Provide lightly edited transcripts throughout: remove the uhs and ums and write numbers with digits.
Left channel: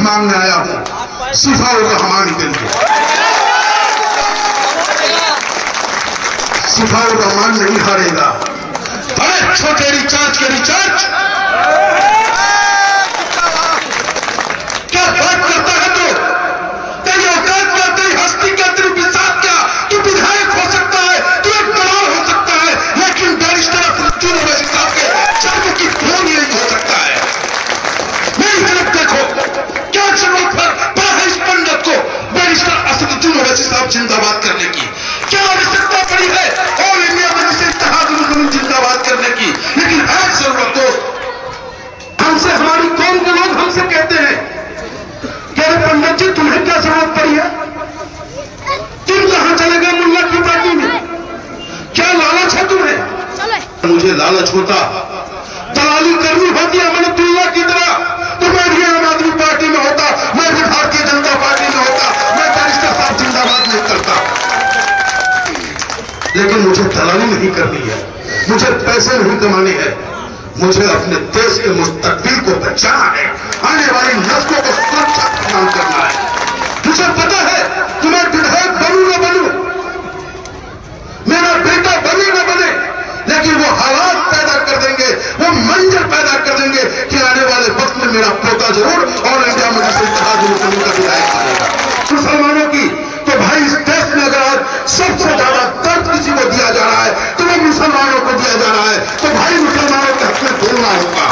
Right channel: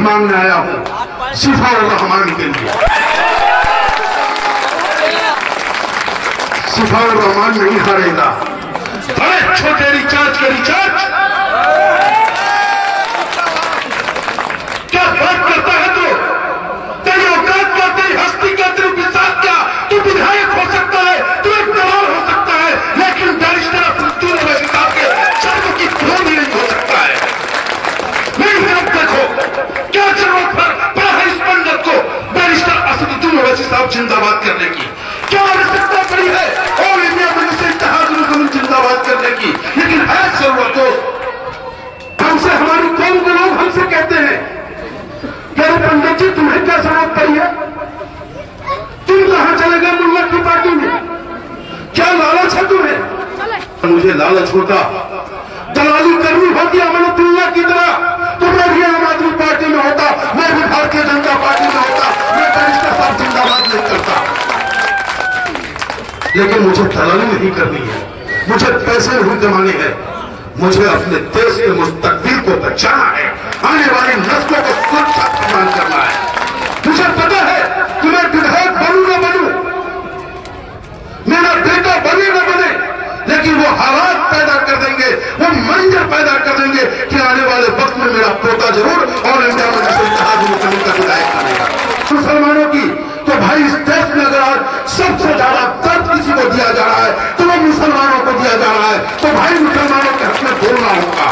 मांगने आया हूं सिफाउर रहमान के लिए। सिफाउर रहमान नहीं हारेगा। अरे छोटे रिचार्ज के रिचार्ज क्या बात करता है तू? तेरी औकात क्या, तेरी हस्ती क्या, तेरी बिसात क्या? तू विधायक हो सकता है, तू एक दलाल हो सकता है, लेकिन बैरिस्टर असदुद्दीन ओवैसी साहब के जन्म की क्लोन नहीं हो सकता है। मेरी तरफ देखो, क्या जरूरत पड़ा है इस पंडित को बैरिस्टर असदुद्दीन ओवैसी साहब जिंदाबाद करने की? क्या आवश्यकता पड़ी है ऑल इंडिया मजलिस इत्तेहादुल जिंदाबाद करने की? लेकिन है जरूरत दोस्त। हमसे हमारी कौम के लोग हमसे कहते हैं कि अरे पंडित जी तुम्हें क्या जरूरत पड़ी है? तुम कहां चले गए मुल्ला की पार्टी में? क्या लालच है तुम्हें? मुझे लालच होता, दलाली करनी होती अमनतुल्लाह की तरह तो मैं भी आम आदमी पार्टी में होता, मैं भी भारतीय जनता पार्टी में होता, मैं बैरिस्टर साहब जिंदाबाद नहीं करता। लेकिन मुझे दलाली नहीं करनी है, मुझे पैसे नहीं कमाने हैं, मुझे अपने देश के मुस्तकबिल को बचाना है, आने वाली नस्लों को सुरक्षा प्रदान करना है। मुझे पता है कि मैं विधायक बनूं न बनूं, मेरा बेटा बने न बने, लेकिन वो हालात पैदा कर देंगे, वो मंजर पैदा कर देंगे कि आने वाले वक्त में मेरा पोता जरूर और इंडिया में का विधायक बनेगा। मुसलमानों की तो भाई इस देश में अगर आज सबसे ज्यादा दर्द किसी को दिया जा रहा है तो वो मुसलमानों को दिया जा रहा है, तो भाई मुसलमानों के हक में बोलना होगा।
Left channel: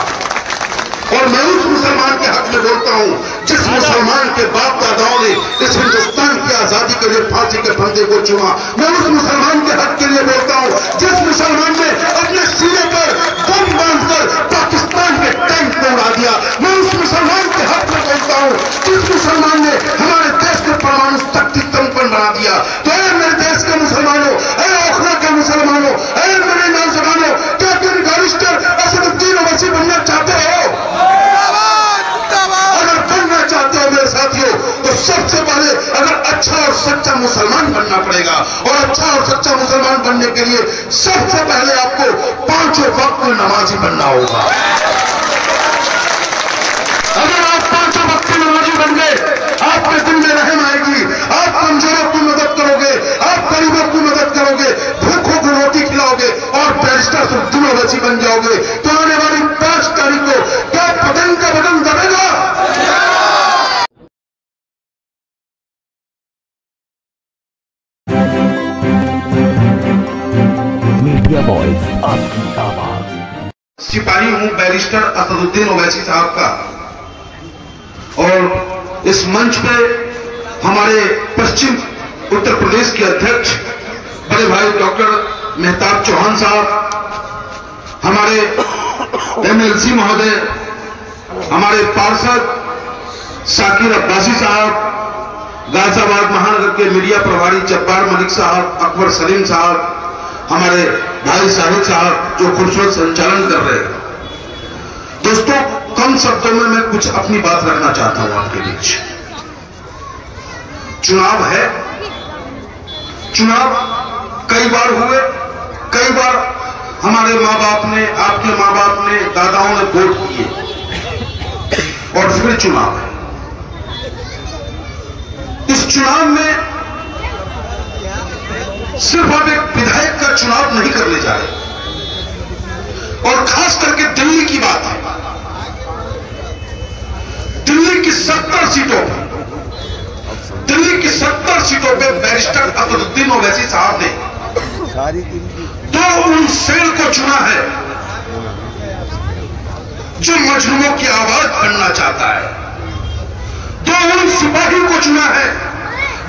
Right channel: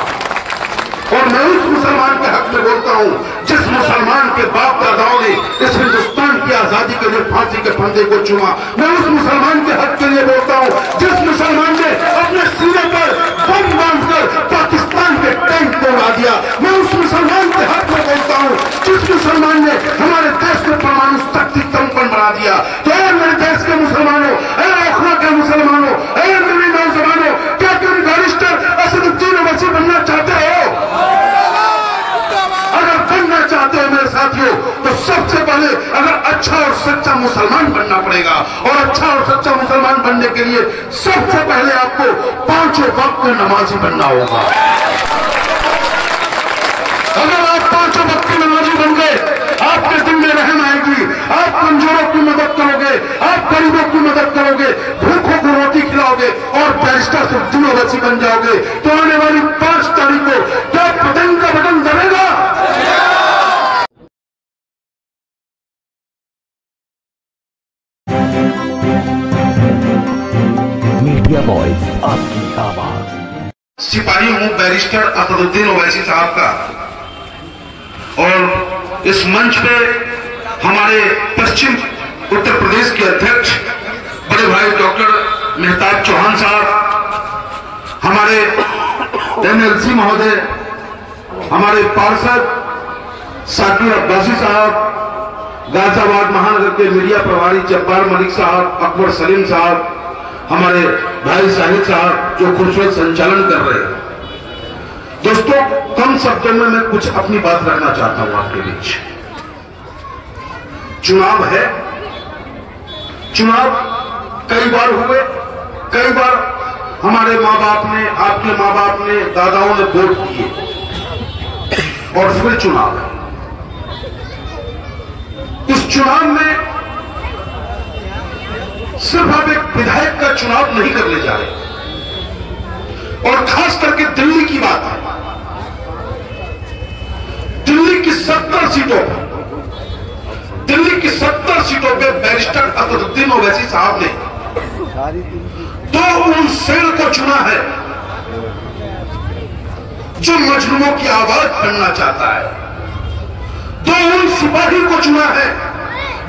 और मैं उस मुसलमान के हक में बोलता हूं जिस मुसलमान के बाप दादाओं ने इस हिंदुस्तान की आजादी के लिए फांसी के फंदे को चूमा। मैं उस मुसलमान के हक के लिए बोलता हूं जिस मुसलमान ने अपने सीने पर बम बांधकर पाकिस्तान के टैंक को उड़ा दिया। मैं उस मुसलमान के हक में बोलता हूं जिस मुसलमान ने हमारे देश को परमाणु शक्ति कंपन बना दिया। तो मेरे देश के मुसलमानों, ओखला के मुसलमानों, मेरे नौजवानों, क्या तुम बैरिस्टर असदुद्दीन ओवैसी बनना चाहते हो? अगर बनना चाहते हो मेरे साथियों तो सबसे पहले अगर अच्छा और सच्चा मुसलमान बनना पड़ेगा, और अच्छा और सच्चा मुसलमान बनने के लिए सबसे पहले आपको 5 वक्त में नमाजी बनना होगा। अगर आप 5 वक्त में नमाजी बन गए, आपके दिल में रहम आएगी, आप कमजोरों की मदद करोगे, आप गरीबों की मदद करोगे, भूखों को रोटी खिलाओगे और बैरिस्टर असदुद्दीन ओवैसी बन जाओगे, तो आने वाली 5 तारीख को क्या पतंग का बटन दबेगा? मीडिया वॉइस, आपकी आवाज। सिपाही हूं बैरिस्टर असदुद्दीन ओवैसी साहब का, और इस मंच पे हमारे पश्चिम उत्तर प्रदेश के अध्यक्ष बड़े भाई डॉक्टर मेहताब चौहान साहब, हमारे एमएलसी महोदय, हमारे पार्षद साकिर अब्बासी साहब, गाजियाबाद महानगर के मीडिया प्रभारी जब्बार मलिक साहब, अकबर सलीम साहब, हमारे भाई साहिद साहब जो खूबसूरत संचालन कर रहे हैं। दोस्तों, कम शब्दों में मैं कुछ अपनी बात रखना चाहता हूं आपके बीच। चुनाव है, चुनाव कई बार हुए, कई बार हमारे माँ बाप ने, आपके माँ बाप ने, दादाओं ने वोट किए, और फिर चुनाव है। इस चुनाव में सिर्फ आप एक विधायक का चुनाव नहीं करने जा रहे, और खास करके दिल्ली की बात है। दिल्ली की 70 सीटों पर, दिल्ली की 70 सीटों पर बैरिस्टर असदुद्दीन ओवैसी साहब ने तो उन सेल को चुना है जो मजलूमों की आवाज बनना चाहता है, तो उन सिपाही को चुना है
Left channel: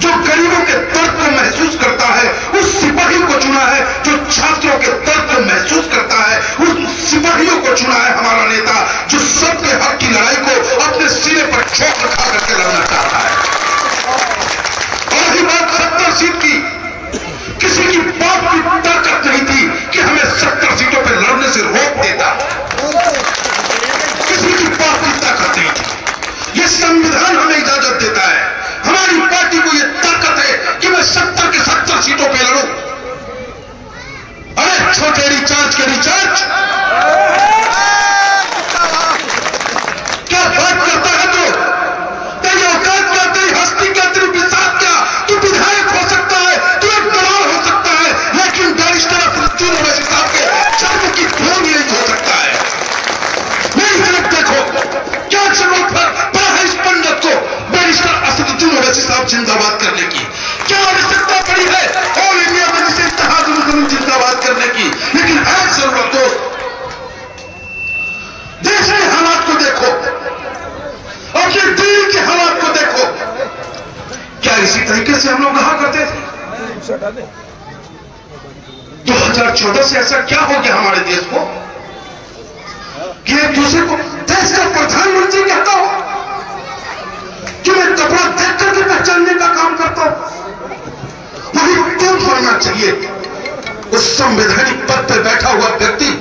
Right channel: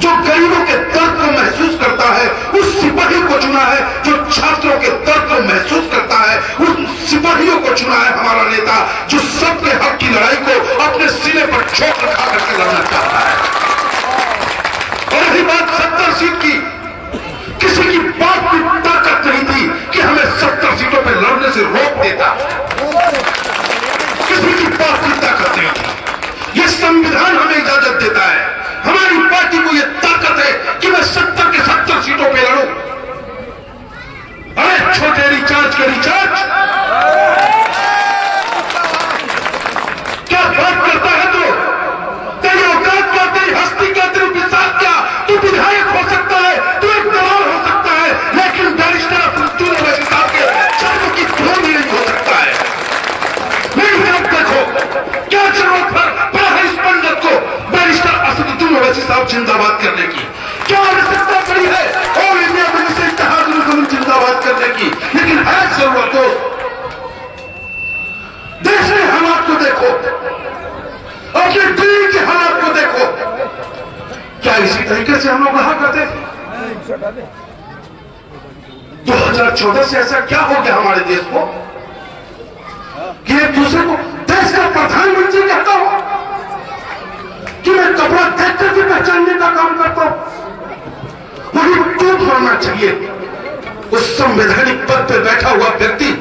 जो गरीबों के दर्द को महसूस करता है, उस सिपाही को चुना है जो छात्रों के दर्द को महसूस करता है, उस सिपाहियों को चुना है हमारा नेता जो सबके हक की लड़ाई को अपने सीने पर चौक रखा करके लड़ना चाहता है। और रही बात 70 सीट की, किसी की बात की ताकत नहीं थी कि हमें 70 सीटों पर लड़ने से रोक देता, किसी की बात की ताकत नहीं थी। यह संविधान हमें इजाजत देता है, हमारी पार्टी को यह ताकत है कि मैं 70 की 70 सीटों पे लड़ूं। अरे छोटे रिचार्ज के रिचार्ज क्या बात करता है तू? जिंदाबाद करने की? क्या आवश्यकता पड़ी है ऑल इंडिया मजलिस इत्तेहादुल मुस्लिमीन जिंदाबाद करने की? लेकिन है जरूरत दोस्त, देश के हालात को देखो, अपने दिल के हालात को देखो। क्या इसी तरीके से हम लोग कहा करते थे? 2014 से ऐसा क्या हो गया हमारे देश को कि एक दूसरे को देश का प्रधानमंत्री कहता हो कि मैं कपड़ा देख करके पहचानने का काम करता हूं? वही क्यों होना चाहिए उस संवैधानिक पद पर बैठा हुआ व्यक्ति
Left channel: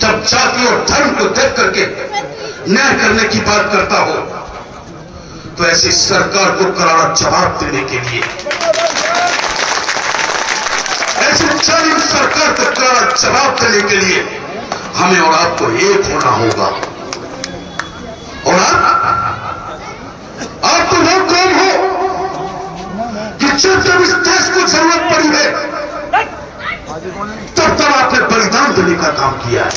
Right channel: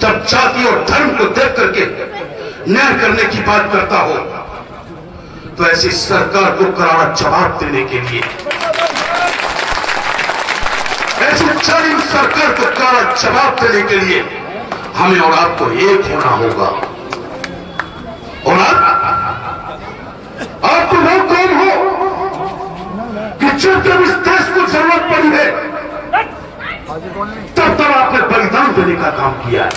जब जाति और धर्म को देख करके न्याय करने की बात करता हो, तो ऐसी सरकार को करारा जवाब देने के लिए, ऐसी जालिम सरकार को करारा जवाब देने के लिए हमें और आपको एक होना होगा। और आप तो वो कौन हो कि जब इस देश को जरूरत पड़ी है तब आपने बलिदान देने का काम किया है।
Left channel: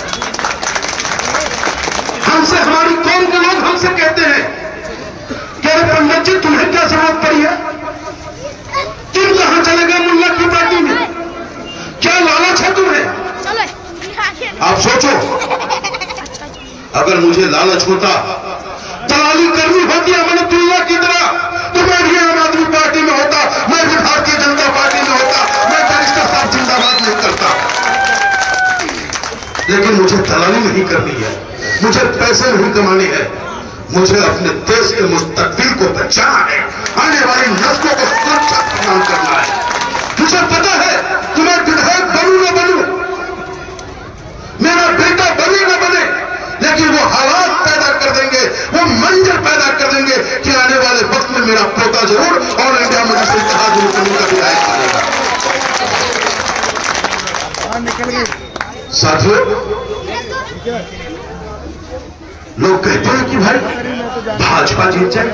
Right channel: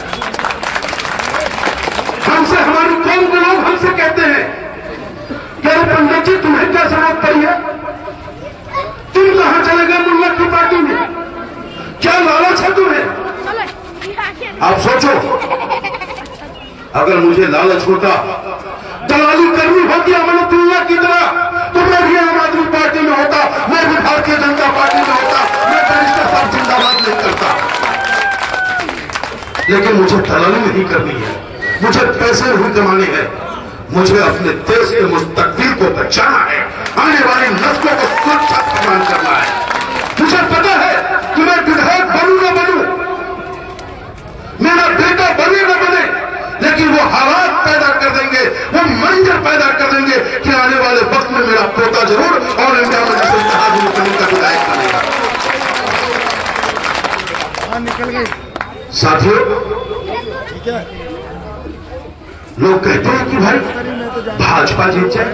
हमसे हमारी कौम के लोग हमसे कहते हैं कि अरे पंडित जी तुम्हें क्या जरूरत पड़ी है, तुम कहां चले गए मुल्ला की पार्टी में, क्या लालच है तुम्हें? आप सोचो, अगर मुझे लालच होता, दलाली करनी होती अमनतुल्लाह की तरह, तो मैं भी आम आदमी पार्टी में होता, मैं भी भारतीय जनता पार्टी में होता, मैं बैरिस्टर साहब जिंदाबाद नहीं करता। लेकिन मुझे दलाली नहीं करनी है, मुझे पैसे नहीं कमाने हैं, मुझे अपने देश के मुस्तकबिल को बचाना है, आने वाली नस्लों को सुरक्षा प्रदान करना है। मुझे पता है कि मैं विधायक बनूं न बनूं, मेरा बेटा बने न बने, लेकिन वो हालात पैदा कर देंगे, वो मंजर पैदा कर देंगे कि आने वाले वक्त में मेरा पोता जरूर ऑल इंडिया मजलिस इत्तेहादुल मुस्लिमीन का विधायक बनेगा। निकल गई साथियों, लोग कहते हैं कि भाई भाजपा जीत जाए,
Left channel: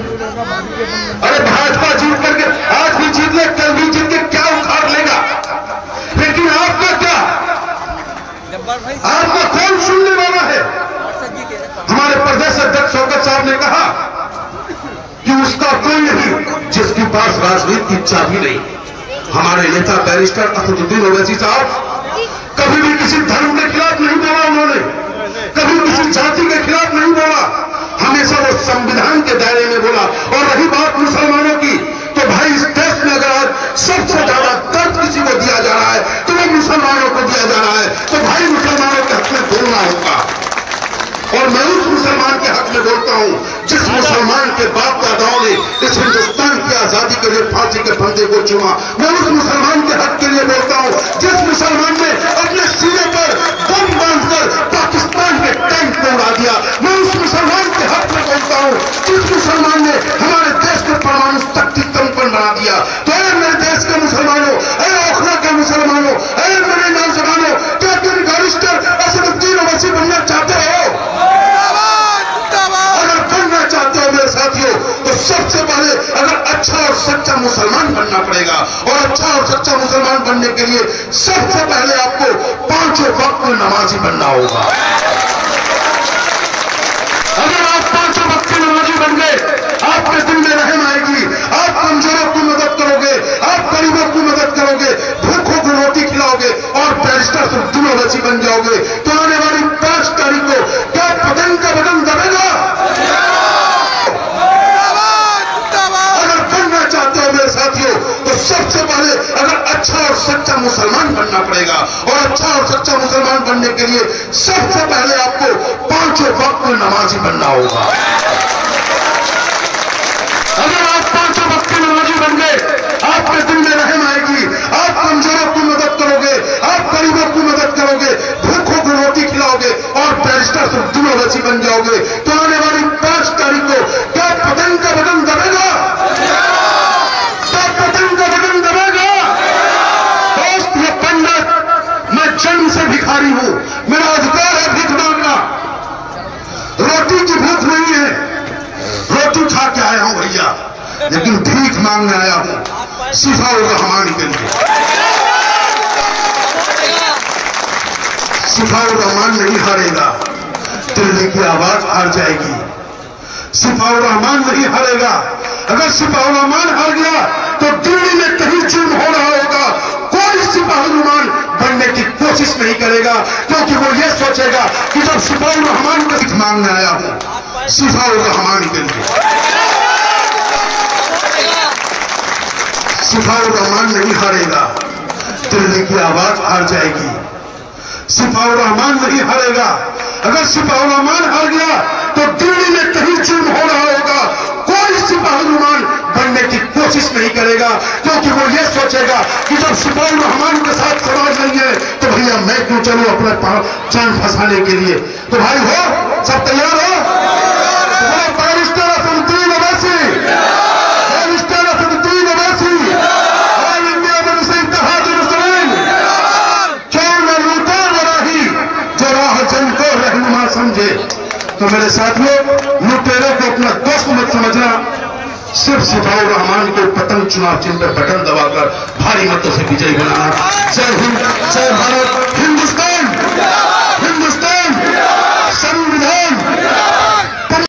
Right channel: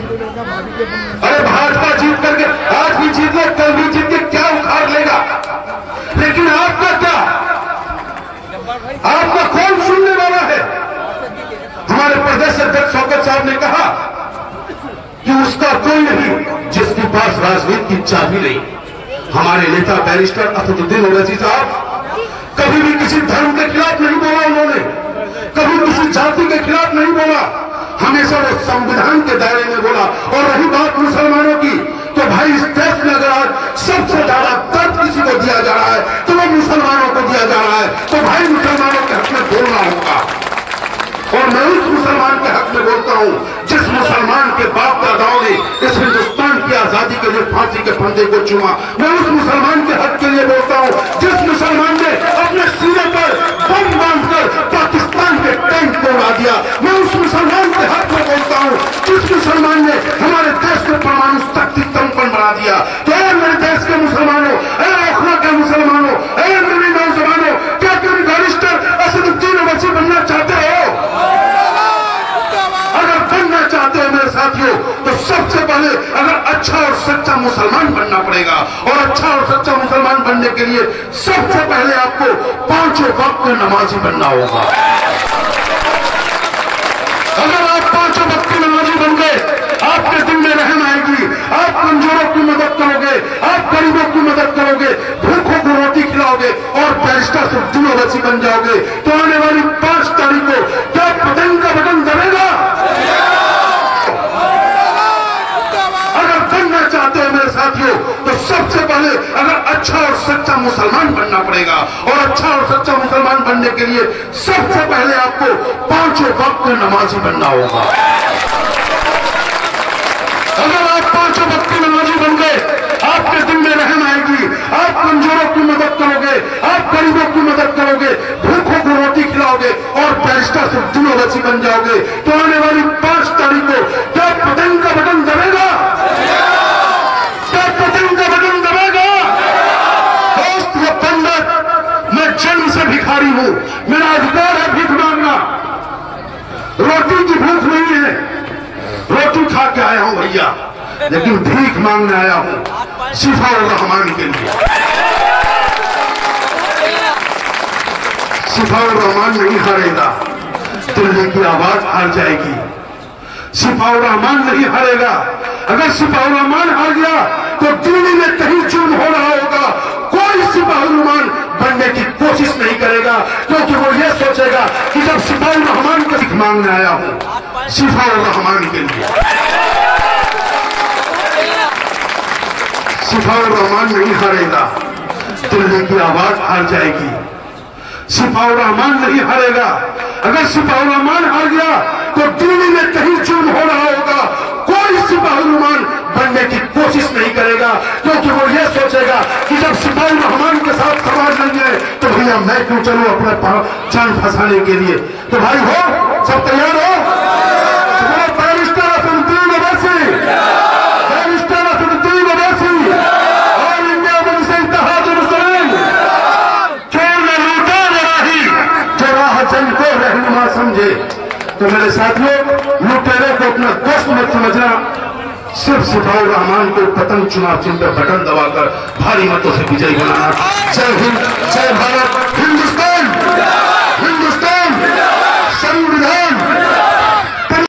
अरे भाजपा जीत करके आज भी जीत ले, कल भी जीत के क्या उखाड़ लेगा, लेकिन आपका क्या, आपका कौन सुनने वाला है? हमारे प्रदेश अध्यक्ष शौकत साहब ने कहा कि उसका कोई नहीं जिसके पास राजनीति की चाबी नहीं। हमारे नेता बैरिस्टर असदुद्दीन ओवैसी साहब कभी भी किसी धर्म के खिलाफ नहीं बोला, उन्होंने कभी किसी जाति के खिलाफ नहीं बोला, हमेशा वो संविधान के दायरे में बोला। और रही बात मुसलमानों की, तो भाई इस देश में अगर आज सबसे ज्यादा दर्द किसी को दिया जा रहा है तो वो मुसलमानों को दिया जा रहा है, तो भाई मुसलमानों के हक में बोलना होगा। और मैं उस मुसलमान के हक में बोलता हूं जिस मुसलमान के बाप दादाओं ने इस हिंदुस्तान की आजादी के लिए फांसी के फंदे को चूमा। मैं उस मुसलमान के हक के लिए बोलता हूं जिस मुसलमान ने अपने सीने पर बम बांधकर पाकिस्तान के टैंक को उड़ा दिया। मैं उस मुसलमान के हक में बोलता हूं जिस मुसलमान ने हमारे देश को परमाणु शक्ति कंपन बना दिया। तो मेरे देश के मुसलमानों, ओखला के मुसलमानों, मेरे नौजवानों, क्या तुम बैरिस्टर असदुद्दीन ओवैसी बनना चाहते हो? अगर बनना चाहते हो मेरे साथियों, तो सबसे पहले अगर अच्छा और सच्चा मुसलमान बनना पड़ेगा, और अच्छा और सच्चा मुसलमान बनने के लिए सबसे पहले आपको पांचों वक्त में नमाजी बनना होगा। अगर आप पांचों वक्त की नमाजी बन गए, आपके दिल में रहम आएगी, आप कमजोरों की मदद करोगे, आप गरीबों की मदद करोगे, भूखों को रोटी खिलाओगे और बैरिस्टर असदुद्दीन ओवैसी बन जाओगे, तो आने वाली 5 तारीख को क्या पतंग का बटन दबेगा? अगर बनना चाहते हो मेरे साथियों, तो सबसे पहले अगर अच्छा और सच्चा मुसलमान बनना पड़ेगा, और अच्छा और सच्चा मुसलमान बनने के लिए सबसे पहले आपको पांचों वक्त में नमाजी बनना होगा। अगर आप पांचों वक्त की नमाजी बन गए, आपके दिल में रहम आएगी, आप कमजोरों की मदद करोगे, आप गरीबों की मदद करोगे, भूखों को रोटी खिलाओगे और बैरिस्टर असदुद्दीन ओवैसी बन जाओगे, तो आने वाली 5 तारीख को क्या पतंग का बटन दबेगा? क्या पतंग का बटन दबेगा? दोस्त, ये पंडित, मैं जन्म से भिखारी हूं, मेरा अधिकार है भीख मांगना, रोटी की भूख नहीं है, रोटी खा के आया हूं भैया, लेकिन भीख मांगने आया हूं सिफाउर रहमान के लिए। सिफाउर रहमान नहीं हारेगा, दिल्ली की आवाज हार जाएगी, सिपाही रहमान नहीं हारेगा। अगर सिपाही रहमान हार गया तो दिल्ली में कहीं जुर्म हो रहा होगा, कोई सिपाही रहमान बनने की कोशिश नहीं करेगा, क्योंकि वो ये सोचेगा कि जब सिपाही रहमान को भीख मांगने आया हूं सिपाही रहमान के लिए। सिपाही रहमान नहीं हारेगा, दिल्ली की आवाज हार जाएगी। सिपाही रहमान नहीं हारेगा। अगर सिपाही रहमान हार गया तो दिल्ली में कहीं जुर्म हो रहा होगा, कोई सिपाही रहमान बनने की कोशिश नहीं करेगा, क्योंकि वो ये सोचेगा कि जब सिपाही रहमान के साथ समाज नहीं है तो भैया मैं क्यों चलूं अपने जान फंसाने के लिए। तो भाई हो, सब तैयार हो? बैरिस्टर असदुद्दीन ओवैसी, बैरिस्टर असदुद्दीन ओवैसी, ऑल इंडिया मुस्लिम इत्तेहादुल मुस्लिमीन, चोर न लूटा न राही, जो राह जंग को रहनुमा समझे। तो मेरे साथियों, लुटेरे को अपना दोस्त मत समझना, सिर्फ सिपाही रहमान को पतंग चुनाव चिन्ह पर बटन दबाकर भारी मतों से विजयी बनाना। जय हिंद, जय भारत, हिंदुस्तान।